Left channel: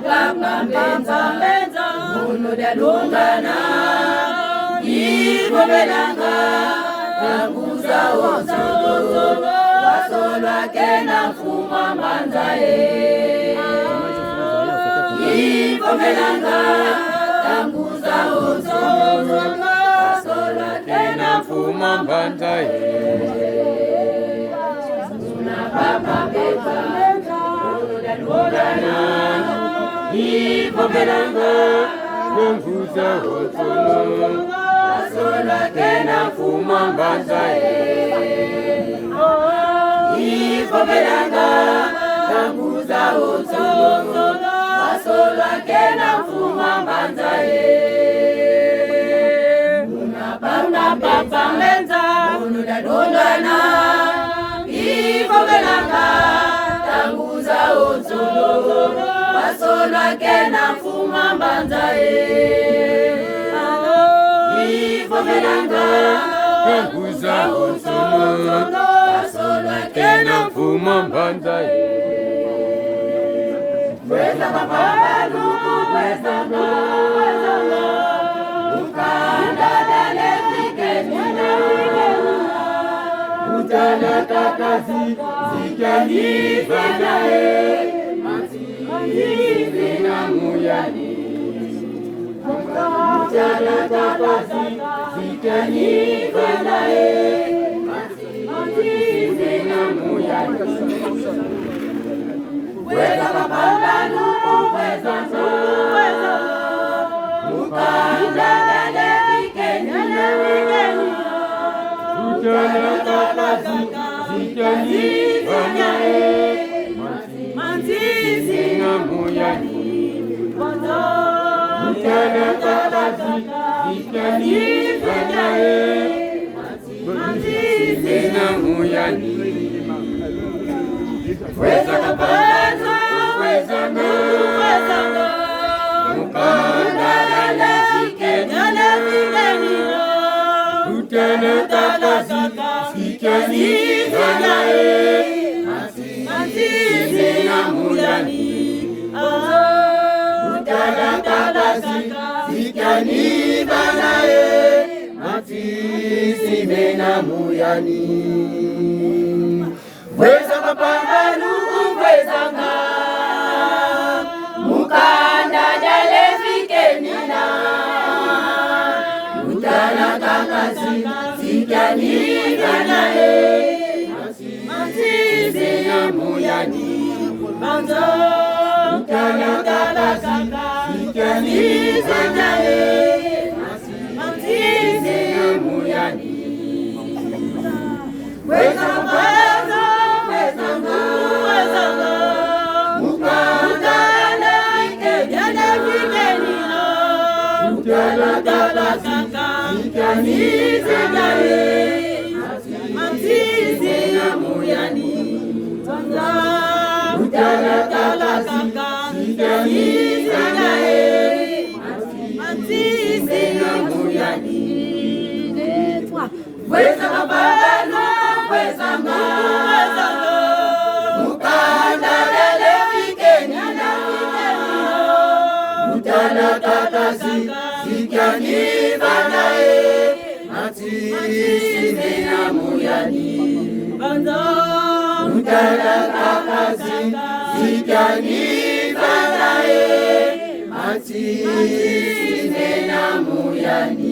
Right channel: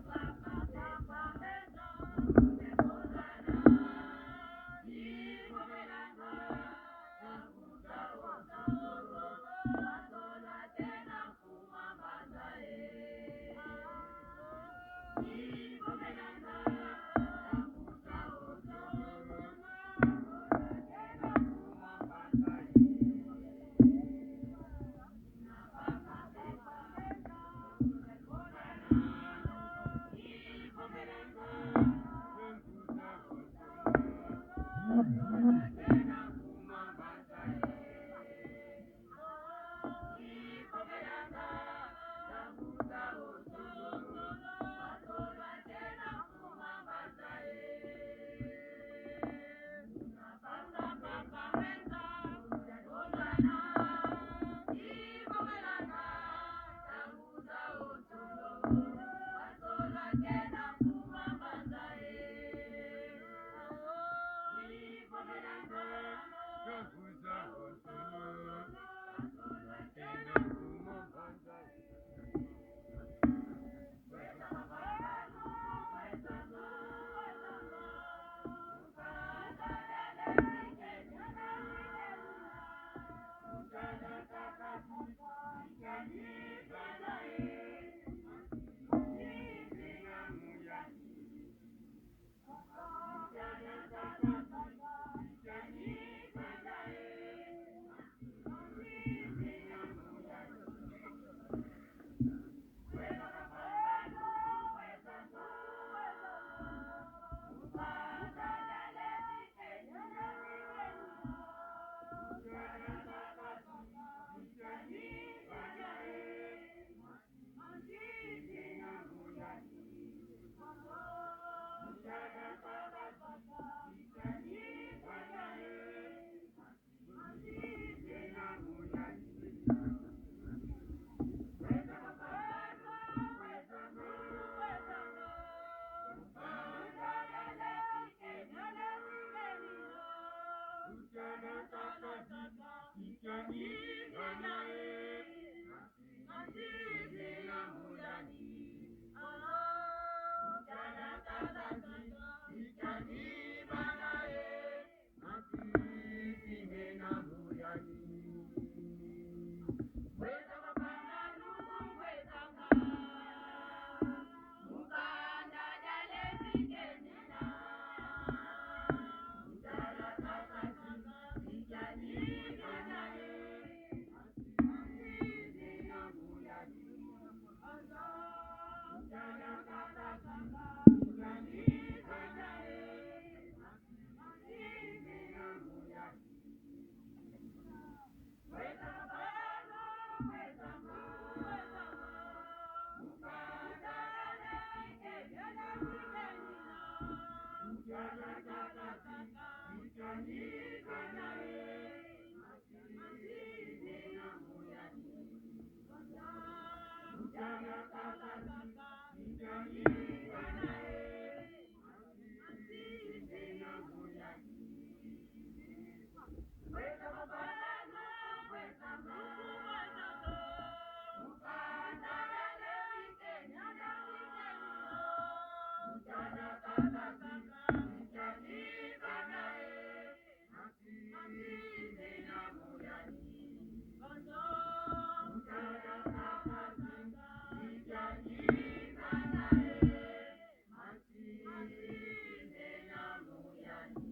mbenza unodalungana ibobelanga tanguza ozolo wasolwa kena mfuma mbanzae ibobelanga tanguza ozolo wasolwa kena mfuma mbanzae unapapa mbenza unodalungana ibobelanga tanguza ozolo wasolwa kena mfuma mbanzae ibobelanga tanguza ozolo wasolwa kena mfuma mbanzae unapapa mbenza unodalungana ibobelanga tanguza ozolo wasolwa kena mfuma mbanzae ibobelanga tanguza ozolo wasolwa kena mfuma mbanzae kweza mapambano kwezanga ukanda dale fikeni utana kakazi zikanifanae matizi na muyani utana kakazi zikanifanae matizi na muyani kweza mapambano kwezanga ukanda dale fikeni utana kakazi zikanifanae matizi na muyani utana kakazi zikanifanae matizi na muyani kweza mapambano kwezanga ukanda dale fikeni utana kakazi zikanifanae matizi na muyani utana kakazi zikanifanae matizi na muyani kweza mapambano kwezanga mukanda dale fikeni utana kakazi zikanifanae matizi na muyani utana kakazi zikanifanae matizi na muyani kweza mapambano kwezanga mukanda dale fikeni utana kakazi zikanifanae matizi na muyani utana kakazi zikanifanae matizi na muyani kweza mapambano kwezanga mukanda dale fikeni utana kakazi zikanifanae matizi na muyani utana kakazi zikanifanae matizi na muyani